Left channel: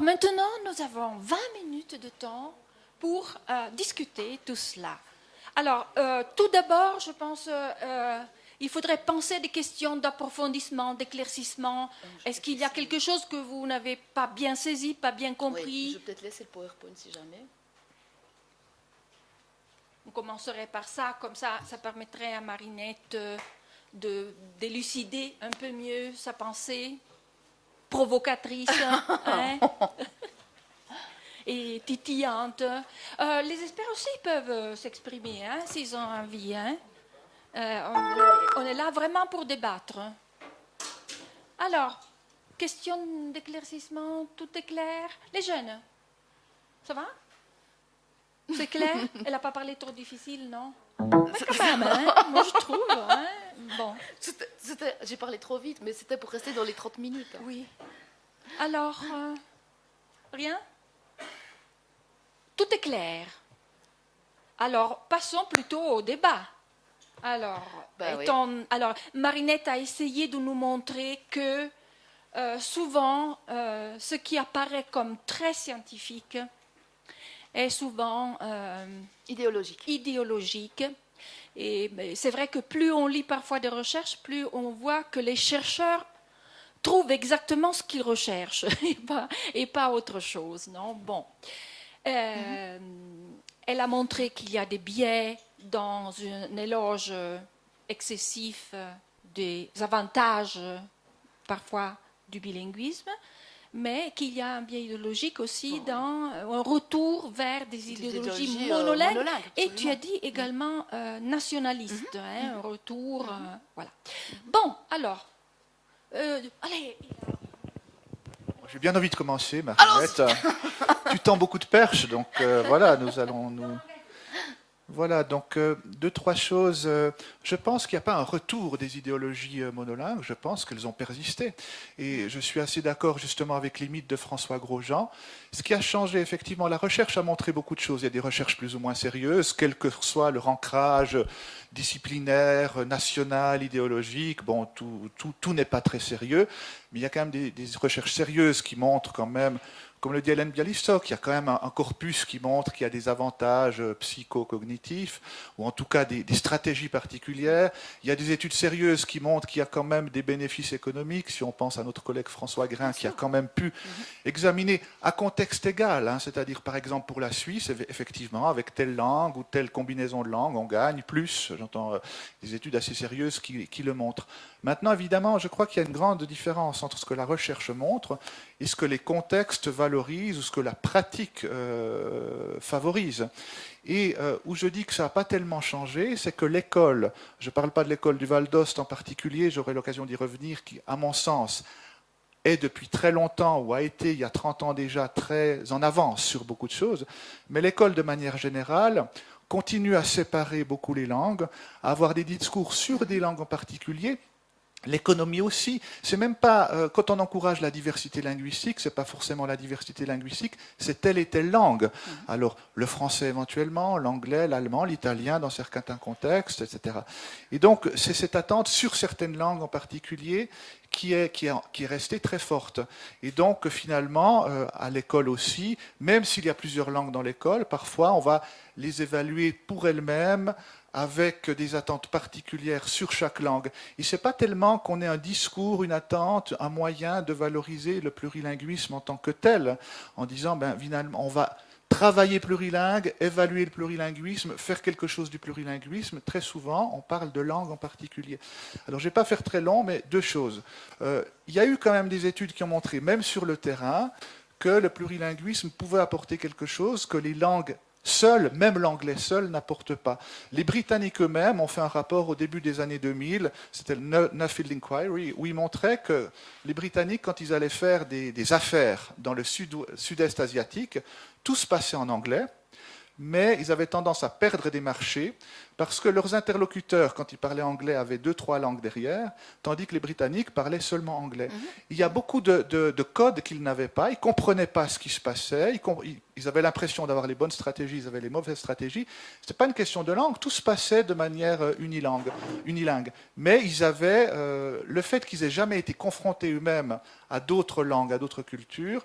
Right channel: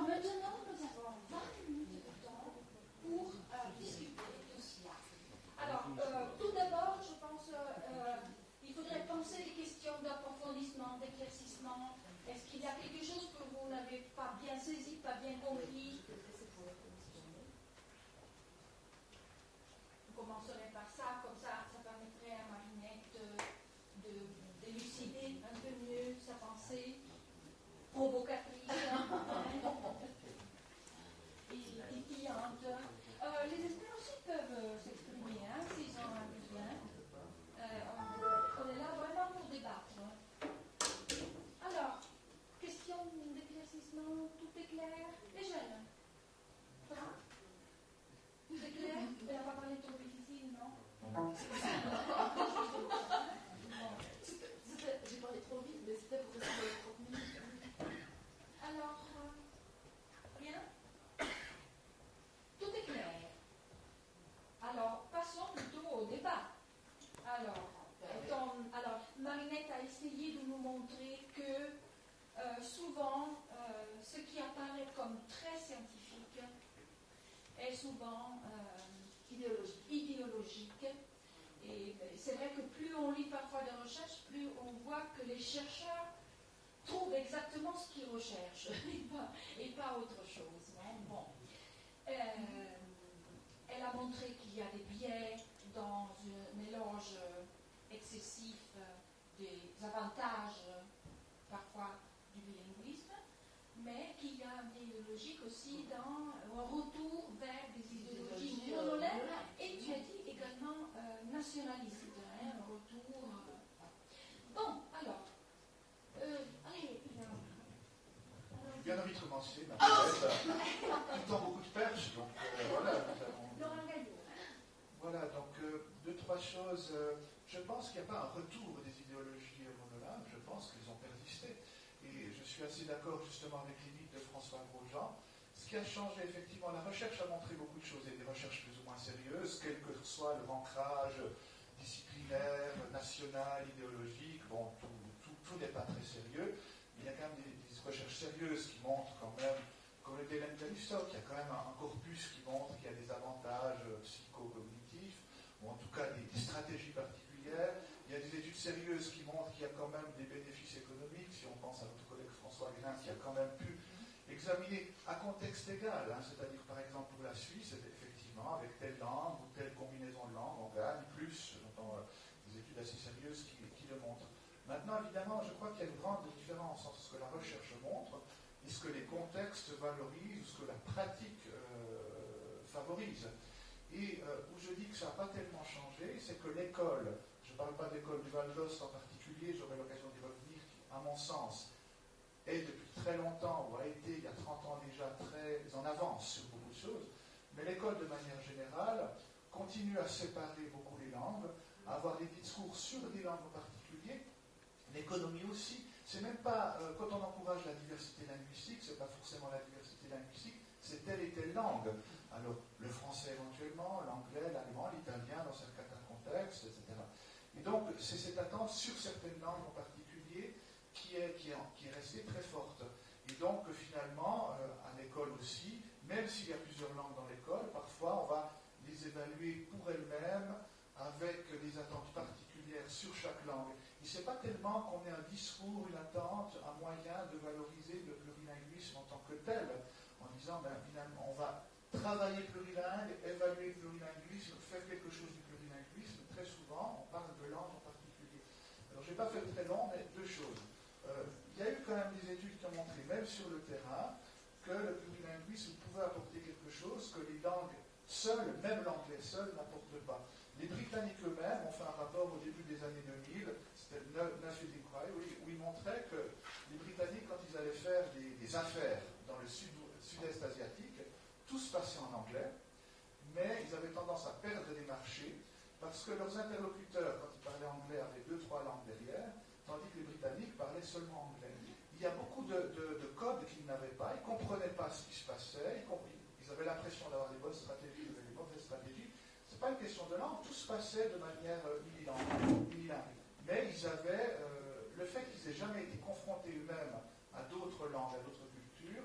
Alors maintenant, nous avons 20 minutes de temps pour discuter tout cela. Alors, tout d'abord, je pense il faudrait penser à des questions d'approfondissement, d'éclaircissement. Est-ce qu'il y a quelque chose que vous n'avez pas bien saisi, pas bien compris? Oui, je vais peut-être laisser le PowerPoint si jamais. On commencerait par ça, comme ça permettrait à Marinette de d'élucider un peu mieux sa pensée provocatrice hein, et titillante. Les experts aussi peuvent s'exprimer hein, s'ils ont envie. Hein. On est là vraiment pour débattre. Alors, question d'éclaircissement, tout est clair. Les jeunes, ça va? C'est clair? Elle n'a pas parlé trop difficile, non? Mais quand même, hein? Moi je trouve. Hein? Bon. J'ai parlé trop vite, mais c'était pour rester dans les 30 minutes. Oui. Alors, rien? Tout est clair. Alors, passons plutôt au débat. Alors, alors, Marinette a essayé de nous montrer que souvent, ce qui apparaît comme très scientifique est souvent idéologique. Et c'est vrai que plus on lit parfois des recherches, plus on voit que les chercheurs trouvent exactement ce qu'ils recherchent et pas autre chose. Non bon. Elle a montré qu'il y a des biais dans un éloge excessif des avantages parfois du bilinguisme, mais qu'il y a un biais idéologique aussi dans un retour vers des idéologies monolingues. Et tu as dit également nationaliste, hein, un retour. Voilà. Bon, alors, allez. J'ai bien envie de commencer, Marinette. Tu tends beaucoup de perches, donc voilà, nous allons nous... Voilà, donc deux, trois choses. Je pense qu'il n'y a pas un retour des idéologies monolingues, je pense qu'elles ont persisté. Et je suis assez d'accord justement avec les mythes de François Grosjean. Ce qui a changé, effectivement, la recherche a montré beaucoup de choses. Il y a des recherches plus ou moins sérieuses, quel que soit leur ancrage disciplinaire, national, idéologique. Bon, tout n'est pas très sérieux, mais il y a quand même des recherches sérieuses qui montrent quand même, comme le dit Hélène Bialystok, il y a quand même un corpus qui montre qu'il y a des avantages psychocognitifs, ou en tout cas des stratégies particulières. Il y a des études sérieuses qui montrent qu'il y a quand même des bénéfices économiques, si on pense à notre collègue François Grain, qui a quand même pu examiner à contexte égal, hein, c'est-à-dire par exemple pour la Suisse, effectivement, avec telle langue ou telle combinaison de langues, on gagne plus. J'entends des études assez sérieuses qui le montrent. Maintenant, évidemment, je crois qu'il y a une grande différence entre ce que la recherche montre et ce que les contextes valorisent ou ce que la pratique favorise. Et où je dis que ça n'a pas tellement changé, c'est que l'école, je ne parle pas de l'école du Val d'Ost en particulier, j'aurai l'occasion d'y revenir, qui, à mon sens, est depuis très longtemps, ou a été il y a 30 ans déjà, très en avance sur beaucoup de choses, mais l'école, de manière générale, continue à séparer beaucoup les langues, à avoir des discours sur des langues en particulier. L'économie aussi, c'est même pas quand on encourage la diversité linguistique, c'est pas forcément la diversité linguistique, c'est telle et telle langue. Alors le français éventuellement, l'anglais, l'allemand, l'italien dans certains contextes, etc. Et donc c'est cette attente sur certaines langues en particulier qui est restée très forte. Et donc finalement à l'école aussi, même s'il y a plusieurs langues dans l'école, parfois on va les évaluer pour elles-mêmes, avec des attentes particulières sur chaque langue. Et ce n'est pas tellement qu'on ait un discours, une attente, un moyen de valoriser le plurilinguisme en tant que tel, en disant, finalement, on va travailler plurilingue, évaluer le plurilinguisme, faire quelque chose du plurilinguisme. Très souvent, on parle de langue en particulier. Alors, je ne vais pas faire très long, mais deux choses. Il y a eu quand même des études qui ont montré, même sur le terrain, que le plurilinguisme pouvait apporter quelque chose, que les langues seul, même l'anglais seul, n'apporte pas. Les Britanniques eux-mêmes ont fait un rapport au début des années 2000, c'était le Nuffield Inquiry, où ils montraient que les Britanniques, quand ils allaient faire des affaires dans le sud-est asiatique, tout se passait en anglais, mais ils avaient tendance à perdre des marchés parce que leurs interlocuteurs, quand ils parlaient anglais, avaient 2-3 langues derrière, tandis que les Britanniques parlaient seulement anglais. Il y a beaucoup de codes qu'ils n'avaient pas, ils ne comprenaient pas ce qui se passait, ils avaient l'impression d'avoir les bonnes stratégies, ils avaient les mauvaises stratégies. Ce n'était pas une question de langue, tout se passait de manière unilingue. Mais ils avaient le fait qu'ils n'aient jamais été confrontés eux-mêmes à d'autres langues, à d'autres cultures,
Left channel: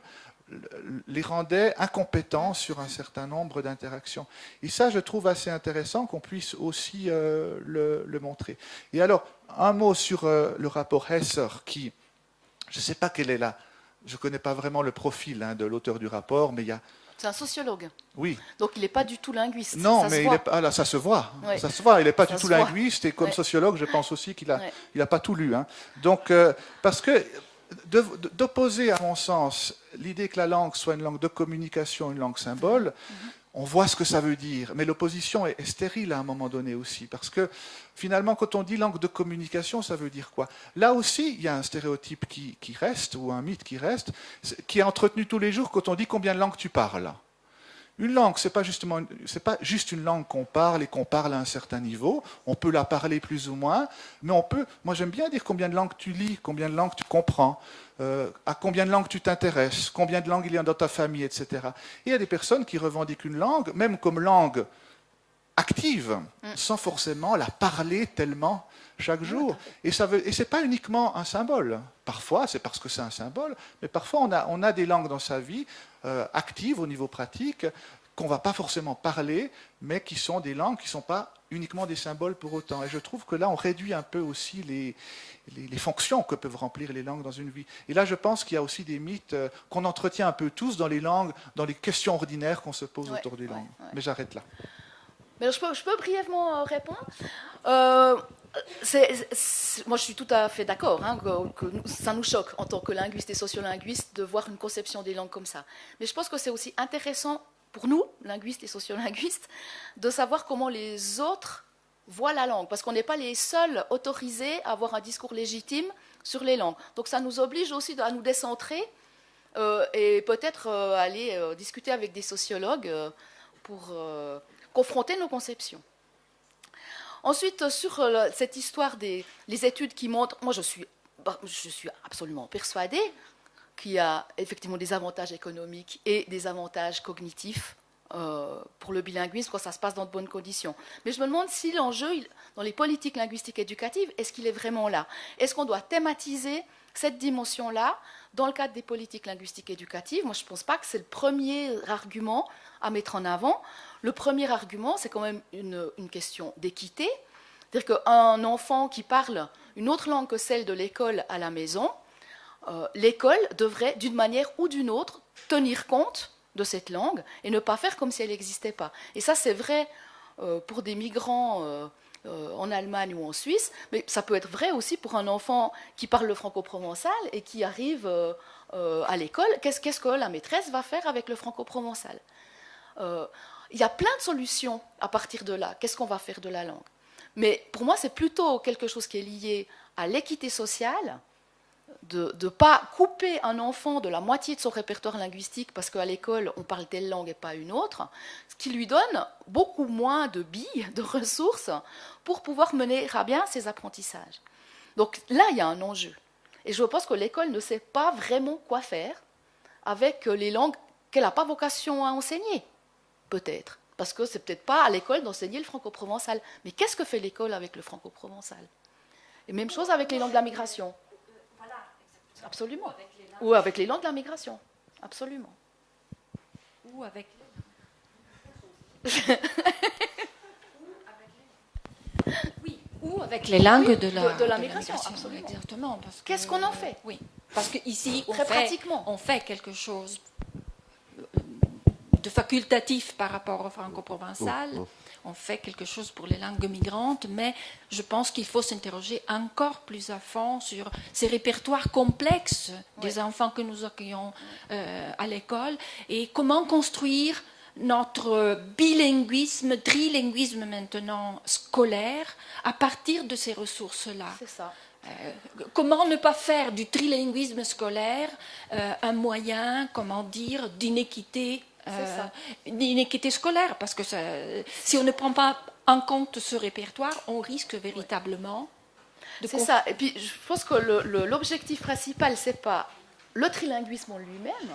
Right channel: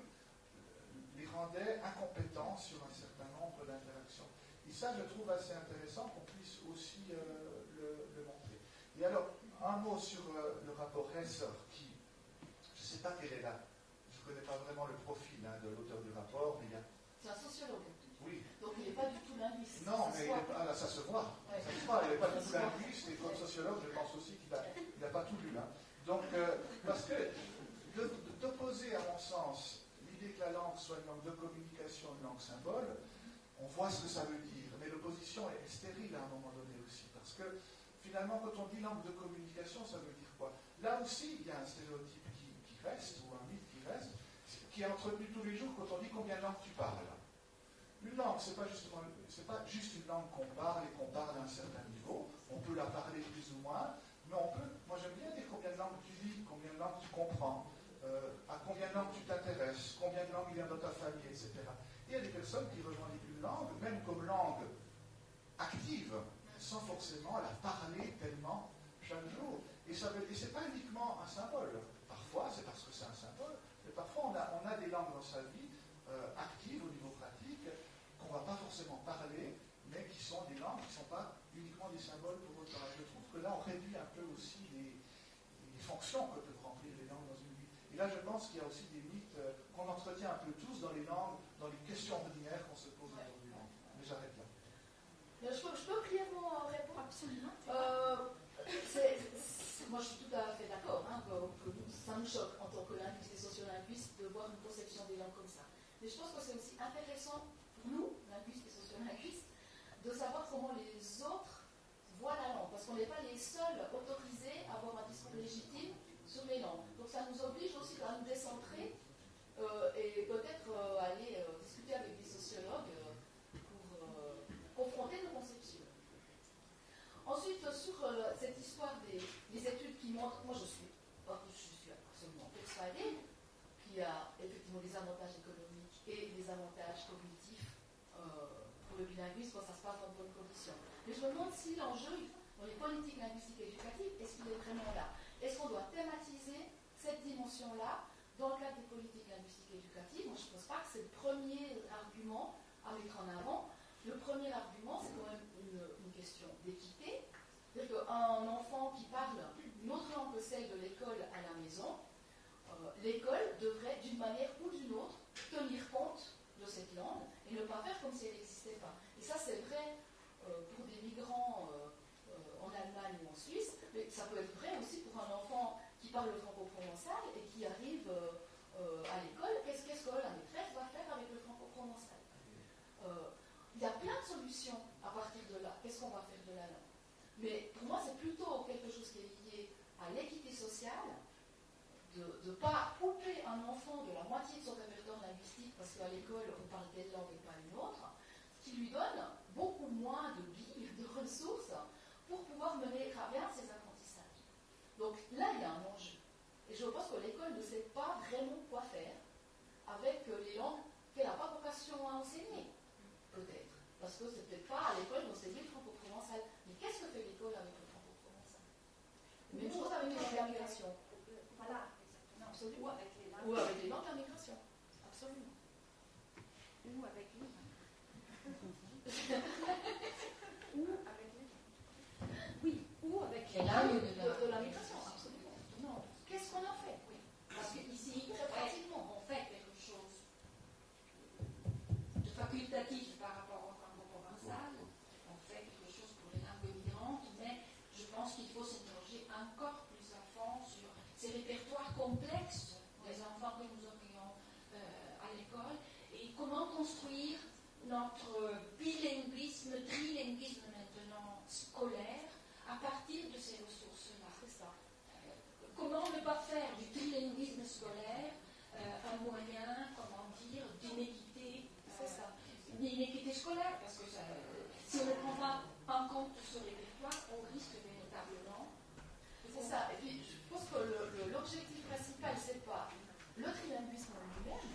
les rendait incompétents sur un certain nombre d'interactions. Et ça, je trouve assez intéressant qu'on puisse aussi le montrer. Et alors, un mot sur le rapport Hesser, qui, je ne sais pas quelle est là, je ne connais pas vraiment le profil de l'auteur du rapport, mais il y a... C'est un sociologue. Oui. Donc il n'est pas du tout linguiste. Non, ça mais se voit. là, ça se voit. Ouais. Ça se voit. Il n'est pas Ça du tout se voit. linguiste et comme Ouais. sociologue, je pense aussi qu'il n'a Ouais. il a pas tout lu. Hein. Donc, parce que d'opposer, à mon sens, l'idée que la langue soit une langue de communication, une langue symbole, on voit ce que ça veut dire. Mais l'opposition est stérile à un moment donné aussi. Parce que finalement, quand on dit langue de communication, ça veut dire quoi? Là aussi, il y a un stéréotype qui reste, ou un mythe qui reste, qui est entretenu tous les jours quand on dit combien de langues tu parles. Une langue, c'est pas juste une langue qu'on parle et qu'on parle à un certain niveau. On peut la parler plus ou moins, mais moi j'aime bien dire combien de langues tu lis, combien de langues tu comprends, à combien de langues tu t'intéresses, combien de langues il y a dans ta famille, etc. Et il y a des personnes qui revendiquent une langue, même comme langue active, sans forcément la parler tellement chaque jour. Et ce n'est pas uniquement un symbole. Parfois, c'est parce que c'est un symbole, mais parfois on a des langues dans sa vie actives au niveau pratique, qu'on ne va pas forcément parler, mais qui sont des langues qui ne sont pas uniquement des symboles pour autant. Et je trouve que là, on réduit un peu aussi les fonctions que peuvent remplir les langues dans une vie. Et là, je pense qu'il y a aussi des mythes qu'on entretient un peu tous dans les langues, dans les questions ordinaires qu'on se pose autour des langues. Mais j'arrête là. Mais je peux brièvement répondre. Moi, je suis tout à fait d'accord que ça nous choque en tant que linguistes et sociolinguistes de voir une conception des langues comme ça. Mais je pense que c'est aussi intéressant pour nous, linguistes et sociolinguistes, de savoir comment les autres voient la langue, parce qu'on n'est pas les seuls autorisés à avoir un discours légitime sur les langues. Donc ça nous oblige aussi à nous décentrer et peut-être aller discuter avec des sociologues pour confronter nos conceptions. Ensuite, sur cette histoire des études qui montrent, moi je suis absolument persuadée qu'il y a effectivement des avantages économiques et des avantages cognitifs pour le bilinguisme quand ça se passe dans de bonnes conditions. Mais je me demande si l'enjeu, dans les politiques linguistiques éducatives, est-ce qu'il est vraiment là? Est-ce qu'on doit thématiser cette dimension-là dans le cadre des politiques linguistiques éducatives? Moi, je ne pense pas que c'est le premier argument à mettre en avant. Le premier argument, c'est quand même une question d'équité. C'est-à-dire qu'un enfant qui parle une autre langue que celle de l'école à la maison, l'école devrait, d'une manière ou d'une autre, tenir compte de cette langue et ne pas faire comme si elle n'existait pas. Et ça, c'est vrai pour des migrants en Allemagne ou en Suisse, mais ça peut être vrai aussi pour un enfant qui parle le franco-provençal et qui arrive à l'école. Qu'est-ce que la maîtresse va faire avec le franco-provençal? Il y a plein de solutions à partir de là. Qu'est-ce qu'on va faire de la langue? Mais pour moi, c'est plutôt quelque chose qui est lié à l'équité sociale, de ne pas couper un enfant de la moitié de son répertoire linguistique parce qu'à l'école, on parle telle langue et pas une autre, ce qui lui donne beaucoup moins de billes, de ressources pour pouvoir mener à bien ses apprentissages. Donc là, il y a un enjeu. Et je pense que l'école ne sait pas vraiment quoi faire avec les langues qu'elle n'a pas vocation à enseigner, peut-être. Parce que c'est peut-être pas à l'école d'enseigner le franco-provençal. Mais qu'est-ce que fait l'école avec le franco-provençal? Et même chose avec les langues de la migration. Absolument. Ou avec les langues de la migration. Absolument. Ou avec oui, ou avec les langues de la migration, absolument. Exactement. Qu'est-ce qu'on en fait? Oui, parce qu'ici, on fait quelque chose de facultatif par rapport au franco-provençal. On fait quelque chose pour les langues migrantes, mais je pense qu'il faut s'interroger encore plus à fond sur ces répertoires complexes des enfants que nous accueillons à l'école et comment construire notre bilinguisme, trilinguisme maintenant scolaire à partir de ces ressources-là. C'est ça. Comment ne pas faire du trilinguisme scolaire un moyen, comment dire, d'inéquité scolaire, parce que si on ne prend pas en compte ce répertoire, on risque véritablement de... C'est ça. Et puis, je pense que l'objectif principal, c'est pas le trilinguisme en lui-même,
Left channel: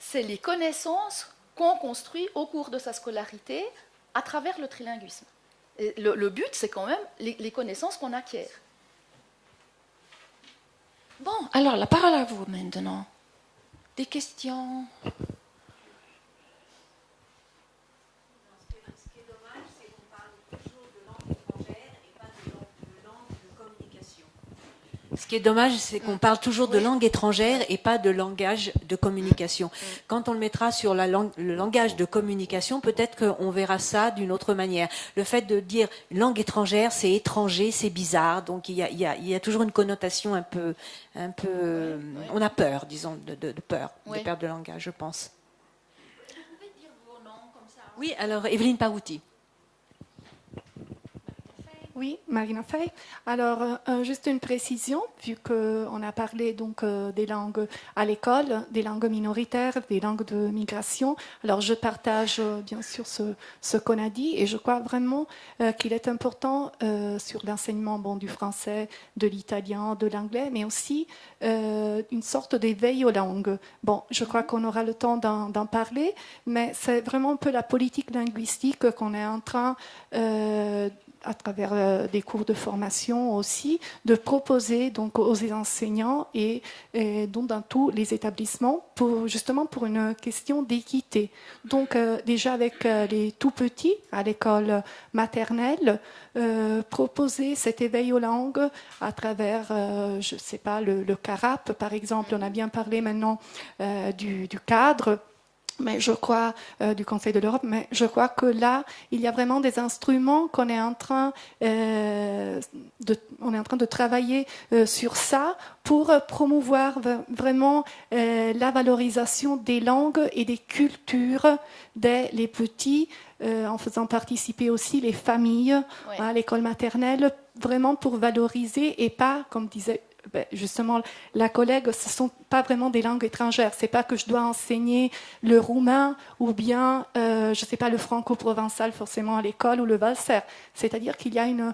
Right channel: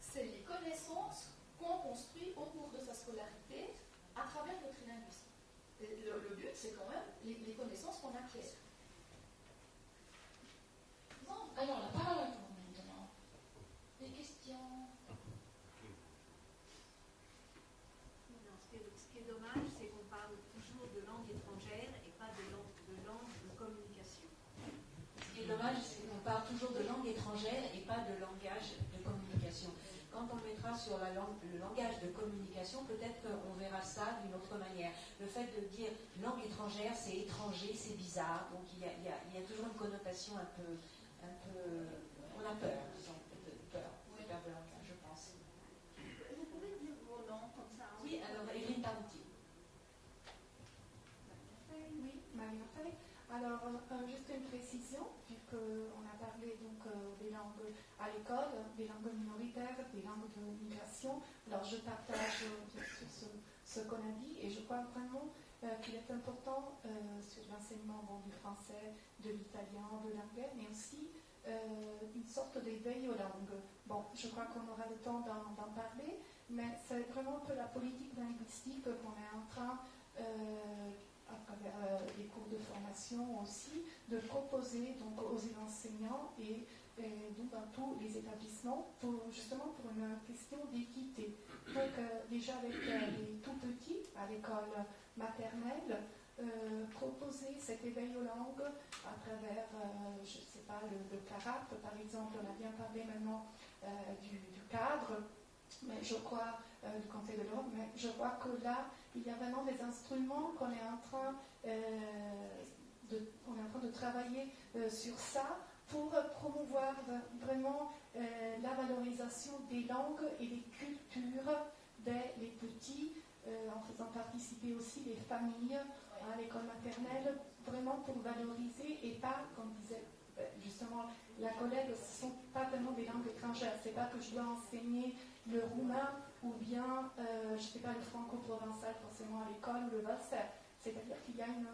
c'est les connaissances qu'on construit au cours de sa scolarité à travers le trilinguisme. Et le but, c'est quand même les connaissances qu'on acquiert. Bon, alors la parole à vous maintenant. Des questions? Ce qui est dommage, c'est qu'on parle toujours de langue étrangère et pas de langage de communication. Quand on le mettra sur le langage de communication, peut-être qu'on verra ça d'une autre manière. Le fait de dire langue étrangère, c'est étranger, c'est bizarre. Donc il y a toujours une connotation un peu on a peur, disons, de peur, de perte de langage, je pense. Vous pouvez dire vos noms comme ça? Oui, alors Evelyne Parouti. Oui, Marina Fay. Alors, juste une précision, vu qu'on a parlé donc des langues à l'école, des langues minoritaires, des langues de migration. Alors, je partage bien sûr ce qu'on a dit et je crois vraiment qu'il est important sur l'enseignement du français, de l'italien, de l'anglais, mais aussi une sorte d'éveil aux langues. Bon, je crois qu'on aura le temps d'en parler, mais c'est vraiment un peu la politique linguistique qu'on est en train à travers des cours de formation aussi, de proposer donc aux enseignants et donc dans tous les établissements justement pour une question d'équité. Donc déjà avec les tout petits à l'école maternelle, proposer cet éveil aux langues à travers, je ne sais pas, le CARAP par exemple. On a bien parlé maintenant du cadre, mais je crois du Conseil de l'Europe, mais je crois que là, il y a vraiment des instruments qu'on est en train de travailler sur ça pour promouvoir vraiment la valorisation des langues et des cultures dès les petits, en faisant participer aussi les familles à l'école maternelle, vraiment pour valoriser et pas, comme disait justement la collègue, ce ne sont pas vraiment des langues étrangères. Ce n'est pas que je dois enseigner le roumain ou bien, je ne sais pas, le franco-provençal forcément à l'école ou le valser. C'est-à-dire qu'il y a une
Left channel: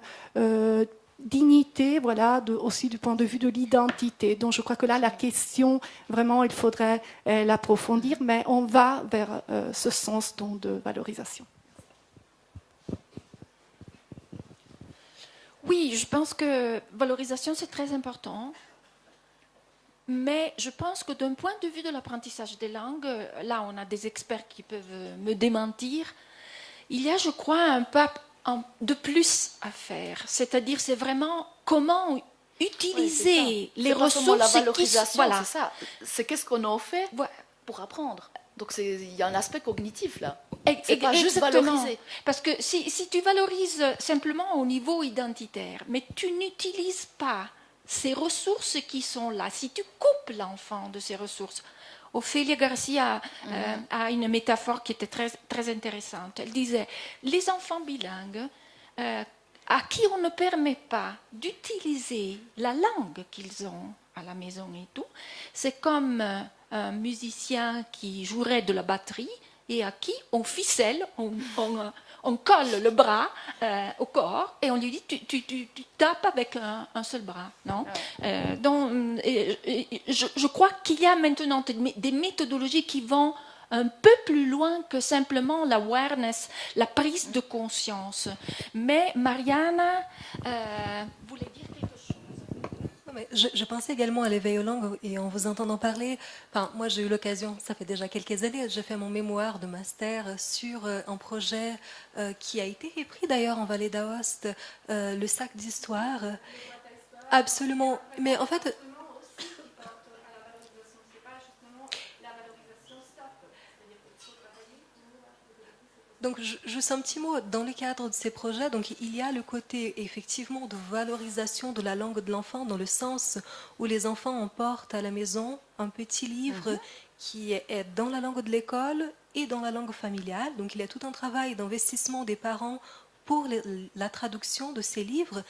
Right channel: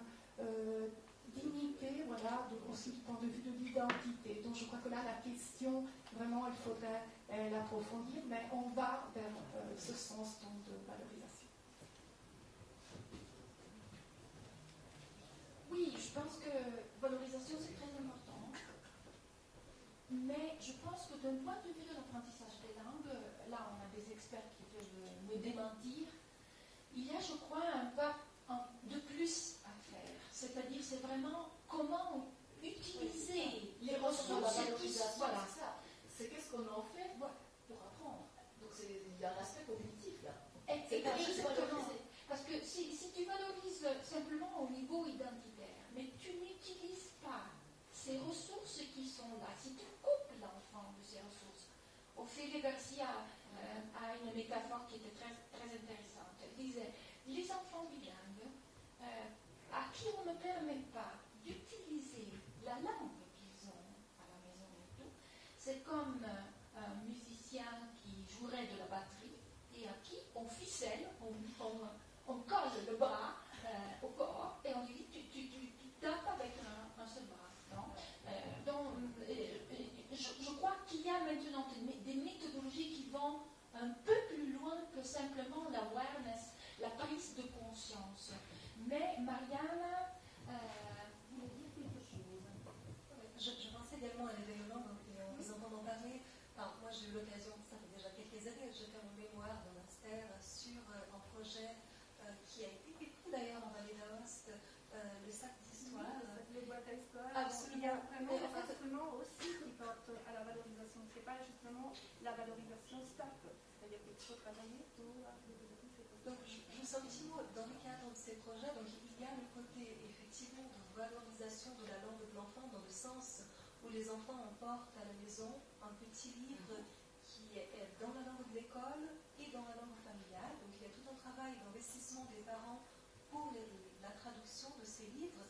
dignité, voilà, aussi du point de vue de l'identité. Donc je crois que là, la question, vraiment, il faudrait l'approfondir, mais on va vers ce sens donc, de valorisation. Oui, je pense que valorisation, c'est très important. Mais je pense que d'un point de vue de l'apprentissage des langues, là, on a des experts qui peuvent me démentir. Il y a, je crois, un pas de plus à faire. C'est-à-dire, c'est vraiment comment utiliser les ressources. La valorisation, voilà. c'est ça. C'est qu'est-ce qu'on en fait pour apprendre. Donc il y a un aspect cognitif là. C'est pas juste valoriser. Parce que si tu valorises simplement au niveau identitaire, mais tu n'utilises pas ces ressources qui sont là, si tu coupes l'enfant de ces ressources, Ophélia Garcia a une métaphore qui était très, très intéressante. Elle disait, les enfants bilingues à qui on ne permet pas d'utiliser la langue qu'ils ont à la maison et tout, c'est comme un musicien qui jouerait de la batterie et à qui on ficelle, on colle le bras au corps et on lui dit tu tapes avec un seul bras. Non donc, je crois qu'il y a maintenant des méthodologies qui vont un peu plus loin que simplement l'awareness, la prise de conscience. Mais Mariana voulait dire quelque chose. Je pensais également à l'éveil aux langues et en vous entendant parler, moi j'ai eu l'occasion, ça fait déjà quelques années, j'ai fait mon mémoire de master sur un projet qui a été repris d'ailleurs en Vallée d'Aoste, le sac d'histoire. Absolument, mais en fait... Donc, juste un petit mot, dans le cadre de ces projets, donc, il y a le côté effectivement de valorisation de la langue de l'enfant dans le sens où les enfants emportent à la maison un petit livre qui est dans la langue de l'école et dans la langue familiale. Donc il y a tout un travail d'investissement des parents pour la traduction de ces livres.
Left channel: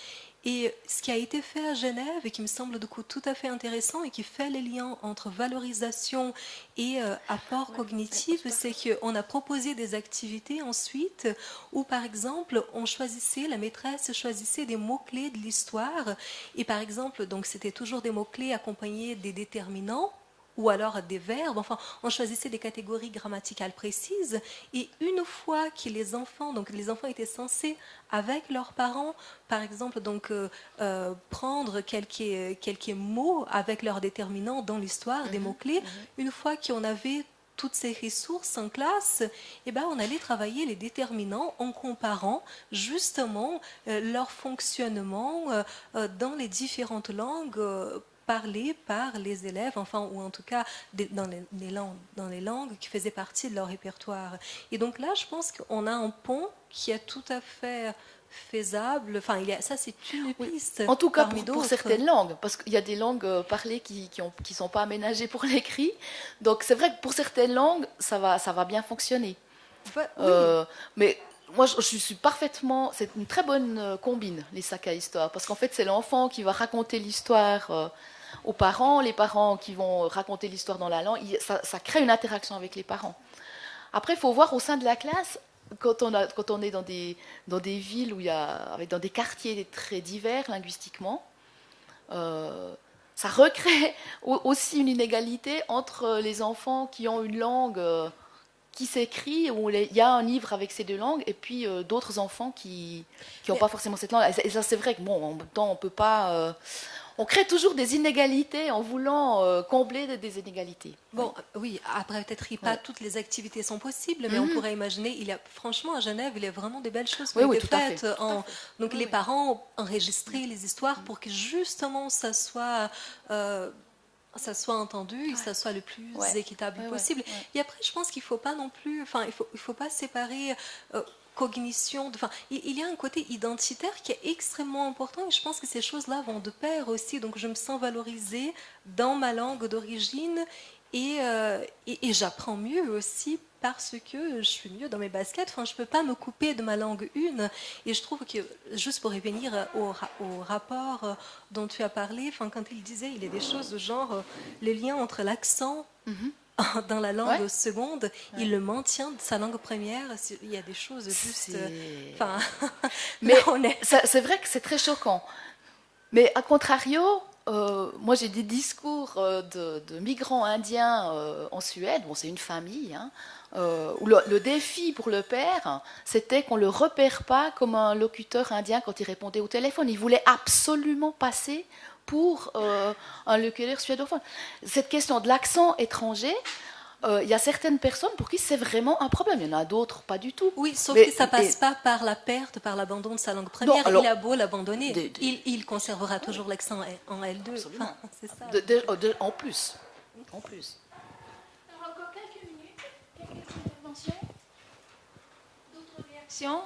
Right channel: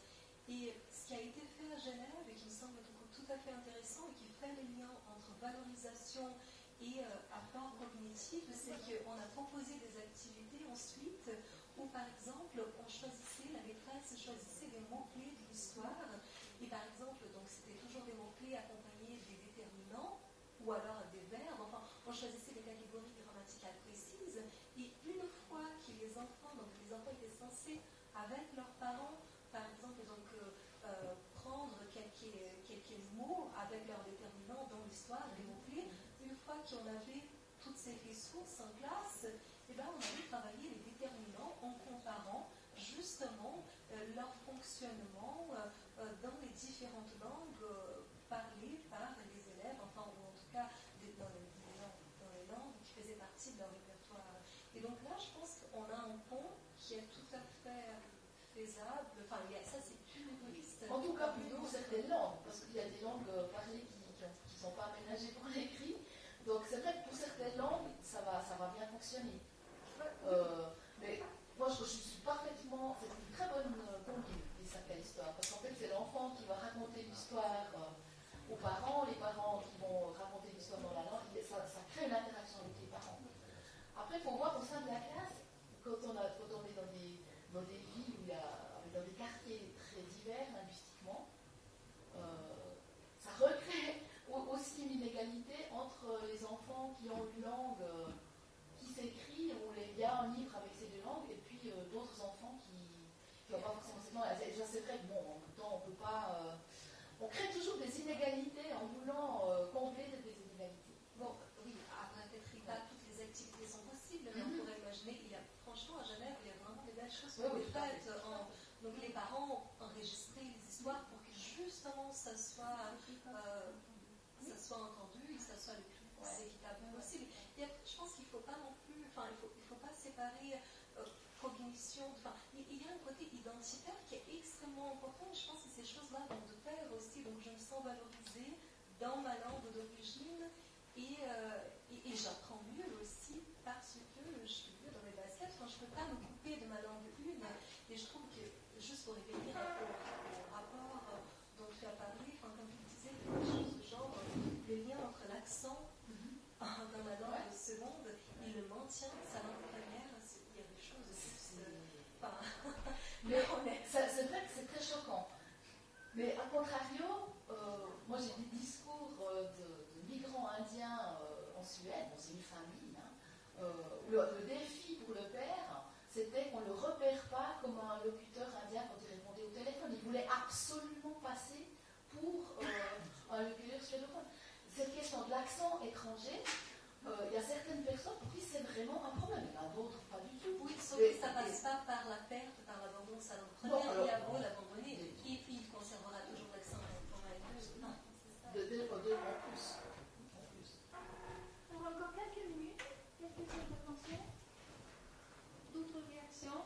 Et ce qui a été fait à Genève et qui me semble du coup tout à fait intéressant et qui fait les liens entre valorisation et apport cognitif, c'est qu'on a proposé des activités ensuite où par exemple la maîtresse choisissait des mots-clés de l'histoire et par exemple donc c'était toujours des mots-clés accompagnés des déterminants ou alors des verbes. Enfin, on choisissait des catégories grammaticales précises. Et une fois que les enfants étaient censés, avec leurs parents, par exemple, prendre quelques mots avec leurs déterminants dans l'histoire, des mots-clés, une fois qu'on avait toutes ces ressources en classe, on allait travailler les déterminants en comparant justement leur fonctionnement dans les différentes langues parlées par les élèves, ou en tout cas dans les langues qui faisaient partie de leur répertoire. Et donc là, je pense qu'on a un pont qui est tout à fait faisable. Ça, c'est une piste. En tout cas, parmi pour d'autres. certaines langues, parce qu'il y a des langues parlées qui sont pas aménagées pour l'écrit. Donc, c'est vrai que pour certaines langues, ça va bien fonctionner. Oui. Mais moi, je suis parfaitement... C'est une très bonne combine, les sacs à histoire. Parce qu'en fait, c'est l'enfant qui va raconter l'histoire aux parents, les parents qui vont raconter l'histoire dans la langue. Ça crée une interaction avec les parents. Après, il faut voir au sein de la classe... Quand on est dans des villes dans des quartiers très divers linguistiquement, ça recrée aussi une inégalité entre les enfants qui ont une langue qui s'écrit, où il y a un livre avec ces deux langues, et puis d'autres enfants qui n'ont pas forcément cette langue. Et ça, c'est vrai que, en même temps, on peut pas... on crée toujours des inégalités en voulant combler des inégalités. Bon, oui, après, peut-être pas toutes les activités sont possibles, mais on pourrait imaginer, franchement, à Genève, il y a vraiment des belles choses qui ont été faites. Donc, les parents enregistraient les histoires pour que justement ça soit entendu et que ça soit le plus équitable possible. Et après, je pense qu'il ne faut pas non plus, il faut pas séparer cognition, il y a un côté identitaire qui est extrêmement important et je pense que ces choses-là vont de pair aussi. Donc je me sens valorisée dans ma langue d'origine et j'apprends mieux aussi parce que je suis mieux dans mes baskets. Je ne peux pas me couper de ma langue une. Et je trouve que, juste pour revenir au rapport dont tu as parlé, quand il disait, il y a des choses de genre le lien entre l'accent dans la langue seconde, il le maintient de sa langue première. Il y a des choses juste... Mais c'est vrai que c'est très choquant. Mais à contrario, moi j'ai des discours de migrants indiens en Suède, bon c'est une famille, où le défi pour le père, c'était qu'on ne le repère pas comme un locuteur indien quand il répondait au téléphone. Il voulait absolument passer pour un locuteur suédophone. Cette question de l'accent étranger, il y a certaines personnes pour qui c'est vraiment un problème. Il y en a d'autres, pas du tout. Oui, sauf que ça ne passe pas par la perte, par l'abandon de sa langue première. Il a beau l'abandonner, il conservera toujours l'accent en L2. C'est ça. En plus. Encore quelques minutes, quelques interventions, d'autres réactions.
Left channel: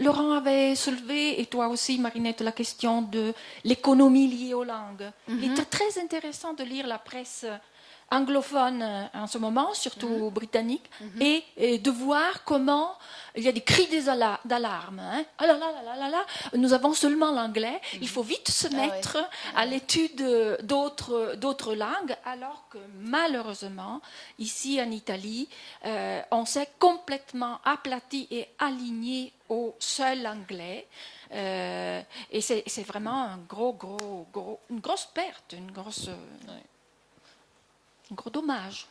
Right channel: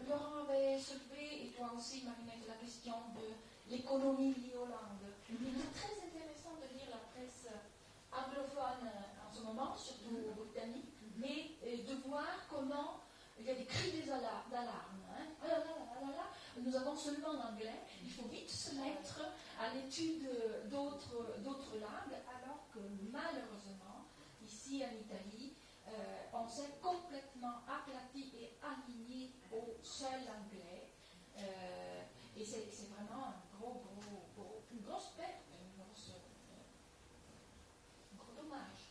Laurent avait soulevé, et toi aussi Marinette, la question de l'économie liée aux langues. Il est très intéressant de lire la presse anglophone en ce moment, surtout britannique, et de voir comment il y a des cris d'alarme. Ah là là là là là, nous avons seulement l'anglais, il faut vite se mettre à l'étude d'autres langues, alors que malheureusement, ici en Italie, on s'est complètement aplati et aligné au seul anglais. Et c'est vraiment une grosse perte, un gros dommage.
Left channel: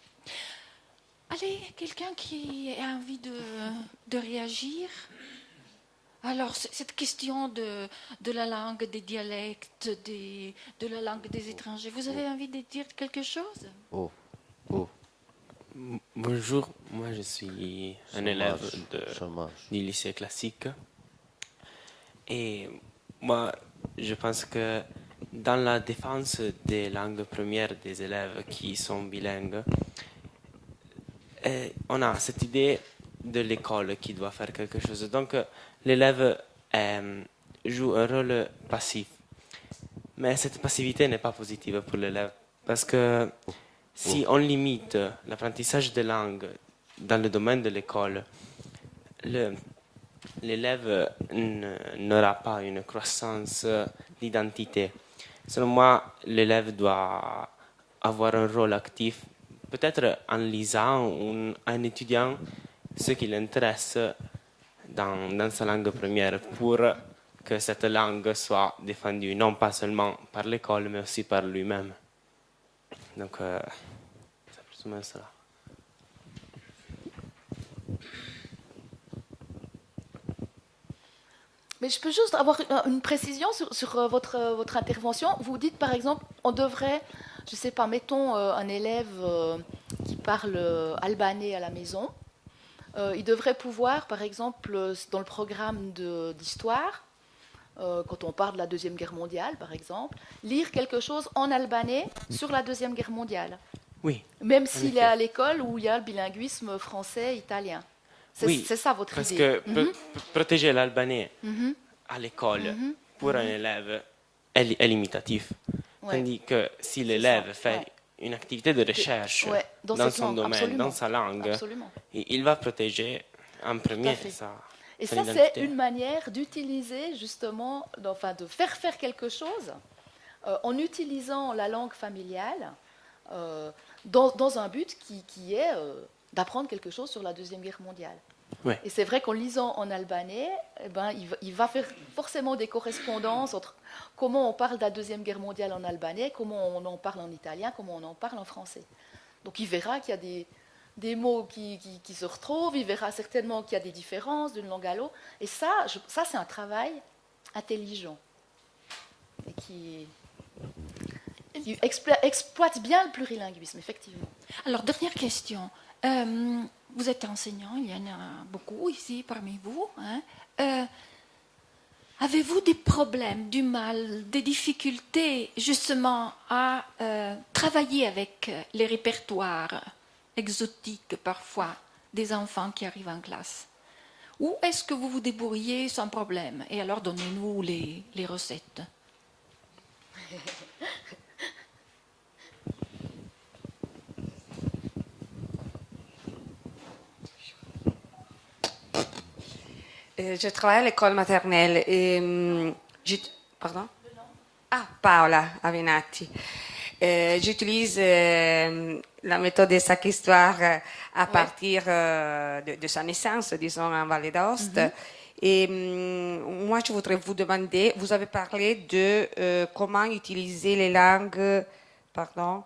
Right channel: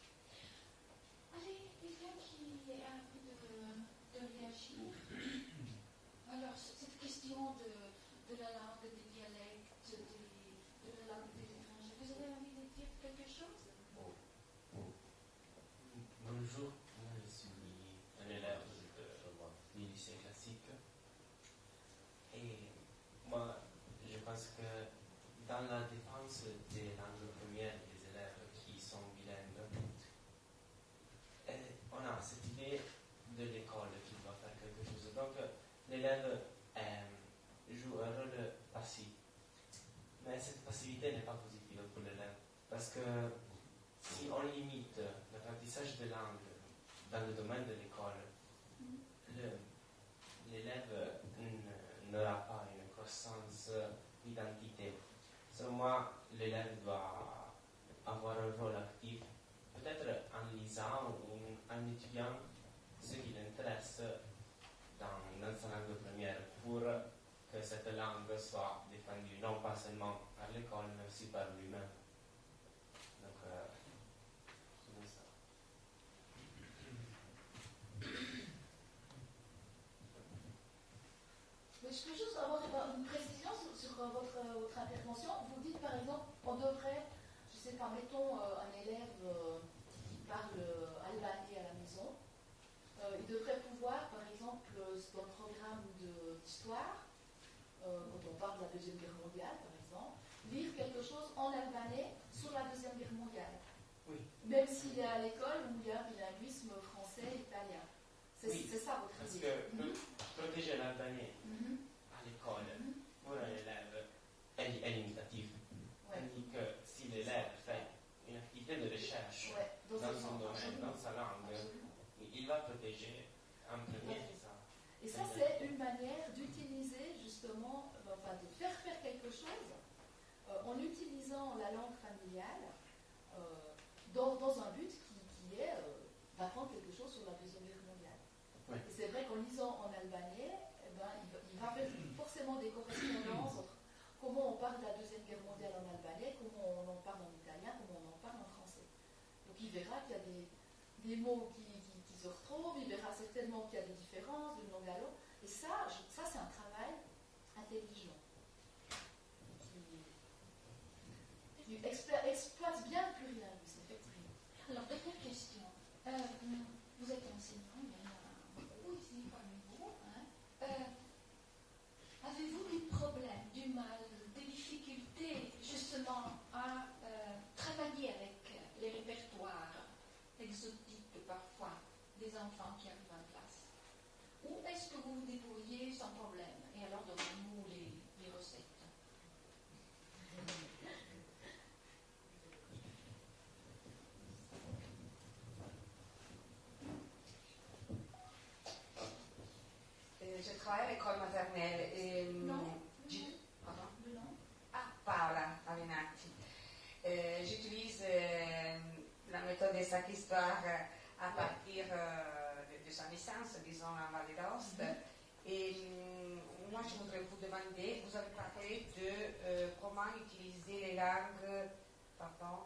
Allez, quelqu'un qui a envie de réagir? Alors, cette question de la langue, des dialectes, de la langue des étrangers, vous avez envie de dire quelque chose? Bonjour, moi je suis un élève du lycée classique. Et moi, je pense que dans la défense des langues premières des élèves qui sont bilingues, on a cette idée de l'école qui doit faire quelque chose. Donc, l'élève joue un rôle passif. Mais cette passivité n'est pas positive pour l'élève. Parce que si on limite l'apprentissage des langues dans le domaine de l'école, l'élève n'aura pas une croissance d'identité. Selon moi, l'élève doit avoir un rôle actif, peut-être en lisant ou en étudiant ce qui l'intéresse dans sa langue première, pour que cette langue soit défendue, non pas seulement par l'école, mais aussi par lui-même. Donc, c'est plus ou moins cela. Mais je peux juste avoir une précision sur votre intervention. Vous dites par exemple, on devrait, je ne sais pas, mettons un élève qui parle albanais à la maison. Il devrait pouvoir, par exemple, dans le programme d'histoire, quand on parle de la Deuxième Guerre mondiale, par exemple, lire quelque chose en albanais sur la Deuxième Guerre mondiale. Oui. Même s'il est à l'école où il y a le bilinguisme français-italien. Oui, c'est ça votre parce idée. que protéger l'albanais à l'école pour un élève est limitatif. Ouais. Tandis que si l'élève fait une activité de recherche dans dans cette son langue, domaine, absolument. dans sa langue, Absolument. il va protéger en premier fait. sa Et son ça, c'est identité. une manière d'utiliser justement, enfin de faire quelque chose en utilisant la langue familiale dans un but qui est d'apprendre quelque chose sur la Deuxième Guerre mondiale. Ouais. Et c'est vrai qu'en lisant en albanais, eh ben, il va faire forcément des correspondances entre comment on parle de la Deuxième Guerre mondiale en albanais, comment on en parle en italien, comment on en parle en français. Donc il verra qu'il y a des mots qui se retrouvent, il verra certainement qu'il y a des différences d'une langue à l'autre. Et ça c'est un travail intelligent et qui exploite bien le plurilinguisme, effectivement. Alors, dernière question. Vous êtes enseignant, il y en a beaucoup ici parmi vous. Hein. Avez-vous des problèmes, du mal, des difficultés justement à travailler avec les répertoires exotiques parfois des enfants qui arrivent en classe? Ou est-ce que vous vous débrouillez sans problème? Et alors donnez-nous les recettes. Je travaille à l'école maternelle et pardon? Ah, Paola Avenatti. J'utilise la méthode de Sac Histoire à partir de sa naissance, disons, en Vallée d'Aoste. Et moi, je voudrais vous demander, vous avez parlé de comment utiliser les langues, pardon,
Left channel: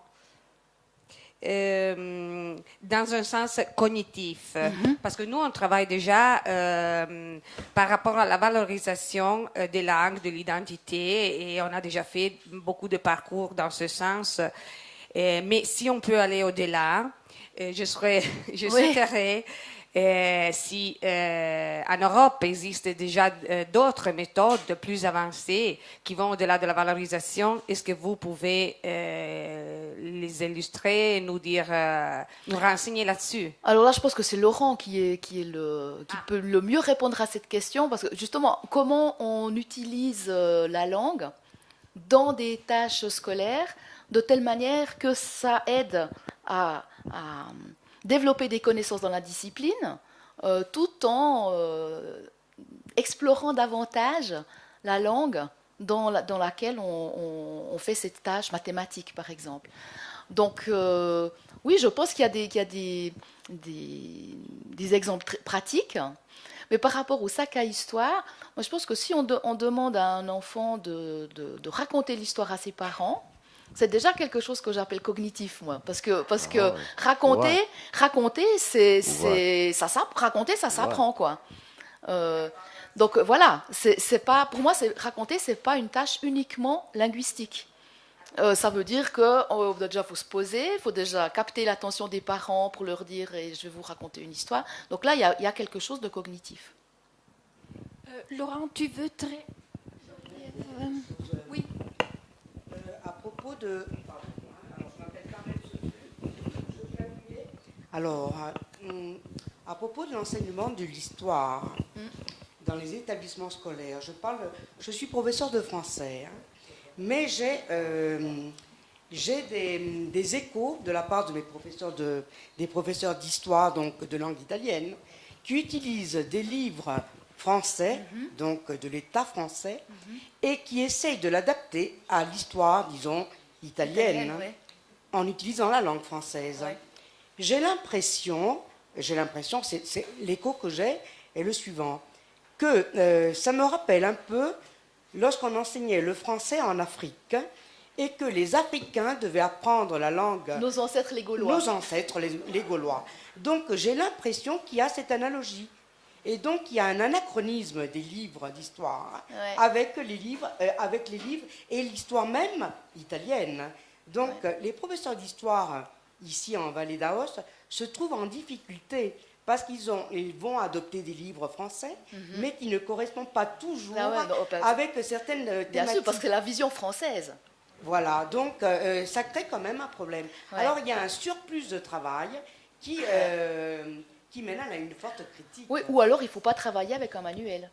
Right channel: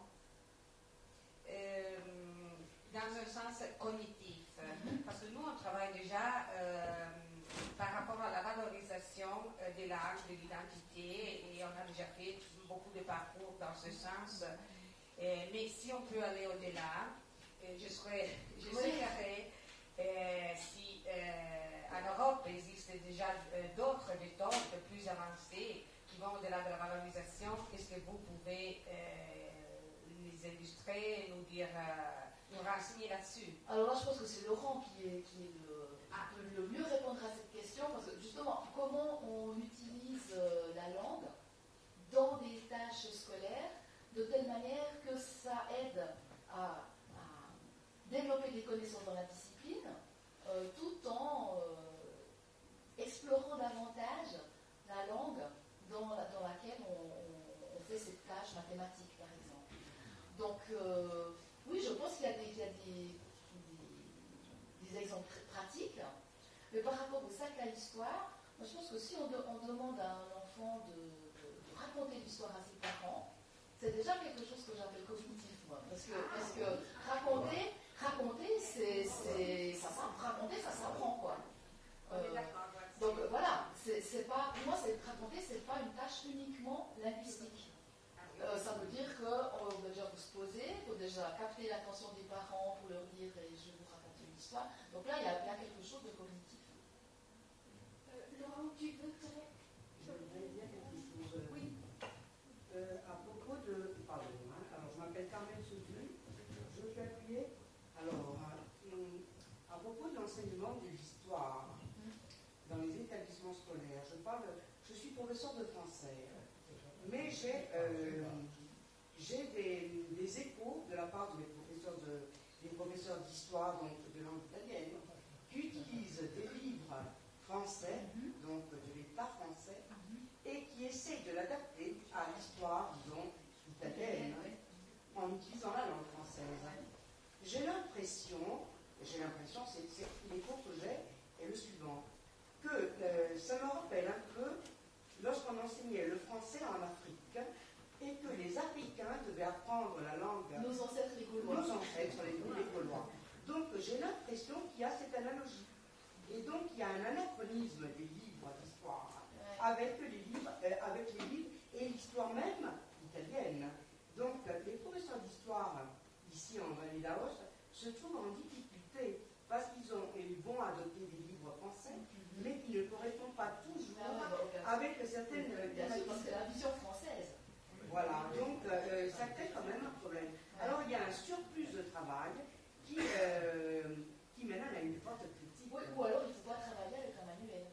dans un sens cognitif. Parce que nous, on travaille déjà par rapport à la valorisation des langues, de l'identité, et on a déjà fait beaucoup de parcours dans ce sens. Mais si on peut aller au-delà, je souhaiterais si en Europe existe déjà d'autres méthodes plus avancées qui vont au-delà de la valorisation, est-ce que vous pouvez les illustrer, nous dire, nous renseigner là-dessus? Alors là, je pense que c'est Laurent qui peut le mieux répondre à cette question, parce que justement, comment on utilise la langue dans des tâches scolaires de telle manière que ça aide à développer des connaissances dans la discipline, tout en explorant davantage la langue dans laquelle on fait cette tâche mathématique, par exemple. Donc, oui, je pense qu'il y a des exemples pratiques, mais par rapport au sac à histoire, moi, je pense que si on demande à un enfant de raconter l'histoire à ses parents, c'est déjà quelque chose que j'appelle cognitif, moi, parce que raconter, raconter, ça s'apprend, quoi. Donc voilà, c'est pas, pour moi, raconter, c'est pas une tâche uniquement linguistique. Ça veut dire que déjà faut se poser, il faut déjà capter l'attention des parents pour leur dire je vais vous raconter une histoire. Donc là, il y a quelque chose de cognitif. Laurent, tu veux oui. À propos de... Alors, à propos de l'enseignement de l'histoire dans les établissements scolaires, je suis professeur de français, hein, mais j'ai des échos de la part de des professeurs d'histoire, donc de langue italienne, qui utilisent des livres français, donc de l'État français, et qui essayent de l'adapter à l'histoire, disons, italienne, en utilisant la langue française. Ouais. J'ai l'impression, c'est l'écho que j'ai est le suivant, que ça me rappelle un peu lorsqu'on enseignait le français en Afrique et que les Africains devaient apprendre la langue. Nos ancêtres les Gaulois. Nos ancêtres, les Gaulois. Donc j'ai l'impression qu'il y a cette analogie. Et donc il y a un anachronisme des livres d'histoire avec les livres et l'histoire même italienne. Donc les professeurs d'histoire ici en Vallée d'Aoste se trouvent en difficulté parce ils vont adopter des livres français, mais qui ne correspondent pas toujours avec certaines thématiques. Bien sûr, parce que c'est la vision française. Voilà, donc ça crée quand même un problème. Ouais. Alors il y a un surplus de travail qui mène à une forte critique. Oui, ou alors il ne faut pas travailler avec un manuel.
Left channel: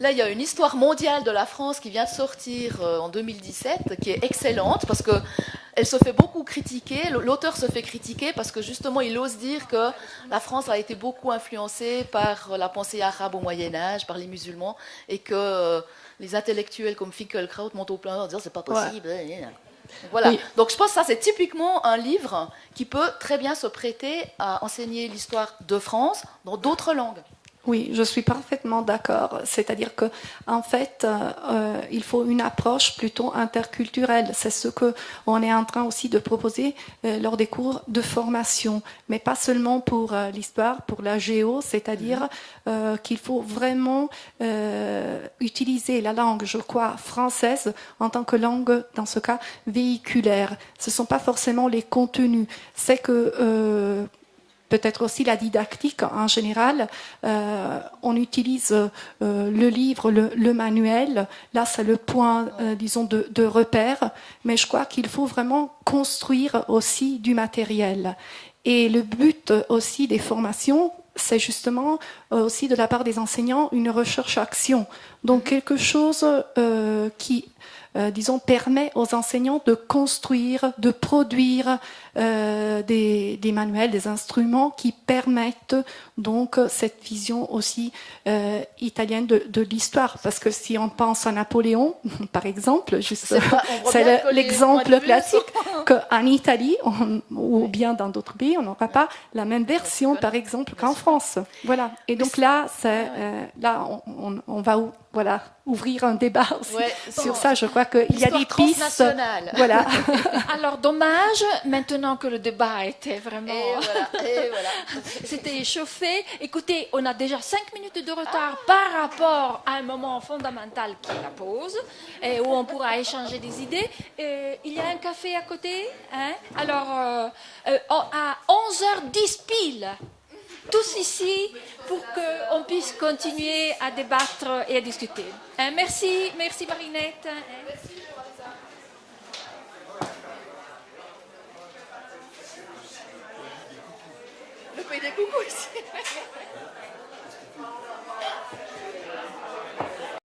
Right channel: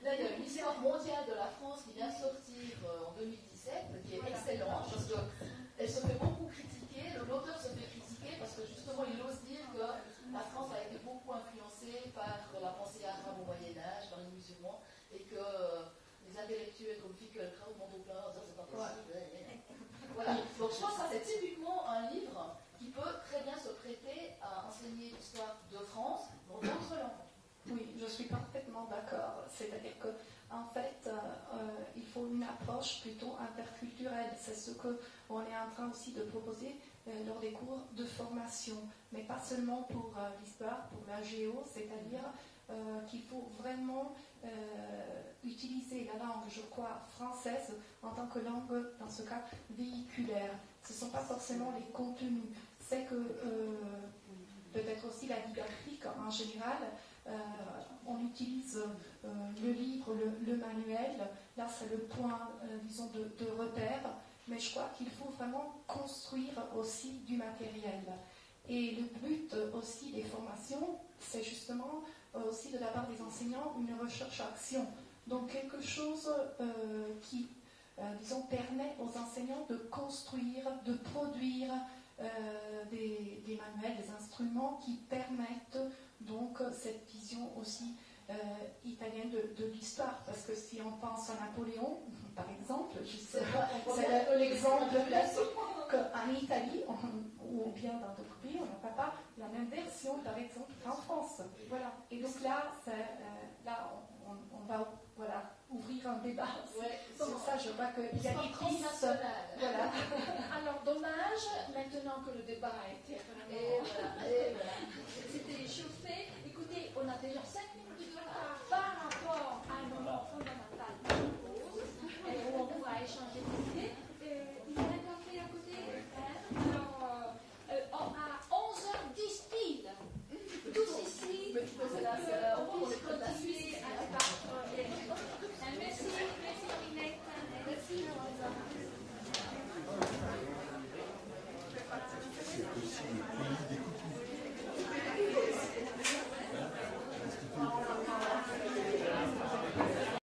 Là, il y a une histoire mondiale de la France qui vient de sortir en 2017, qui est excellente, parce qu'elle se fait beaucoup critiquer, l'auteur se fait critiquer, parce que justement, il ose dire que la France a été beaucoup influencée par la pensée arabe au Moyen-Âge, par les musulmans, et que les intellectuels comme Finkielkraut montent au plein en disant « c'est pas possible ouais. ». Voilà. Oui. Donc je pense que ça, c'est typiquement un livre qui peut très bien se prêter à enseigner l'histoire de France dans d'autres langues. Oui, je suis parfaitement d'accord. C'est-à-dire qu'en fait, il faut une approche plutôt interculturelle. C'est ce qu'on est en train aussi de proposer lors des cours de formation, mais pas seulement pour l'histoire, pour la géo, c'est-à-dire qu'il faut vraiment utiliser la langue, je crois, française en tant que langue, dans ce cas, véhiculaire. Ce ne sont pas forcément les contenus. C'est que... peut-être aussi la didactique en général. On utilise le livre, le manuel. Là, c'est le point, disons, de repère. Mais je crois qu'il faut vraiment construire aussi du matériel. Et le but aussi des formations, c'est justement aussi de la part des enseignants une recherche-action. Donc quelque chose qui... disons, permet aux enseignants de construire, de produire des manuels, des instruments qui permettent donc cette vision aussi italienne de l'histoire. Parce que si on pense à Napoléon, par exemple, c'est l'exemple classique qu'en Italie, ou bien dans d'autres pays, on n'aura pas la même version, par exemple, qu'en France. Voilà. Et donc là, on va ouvrir un débat aussi sur ça. Je crois qu'il y a des pistes. Voilà. Alors, dommage, maintenant que le débat était vraiment... Et voilà. C'était échauffé. Écoutez, on a déjà 5 minutes de retard par rapport à un moment fondamental qui est la pause, où on pourra échanger des idées. Il y a un café à côté. Hein? Alors, à 11h10 pile, tous ici, pour qu'on puisse continuer à débattre et à discuter. Merci Marinette. Merci. Coucou ici.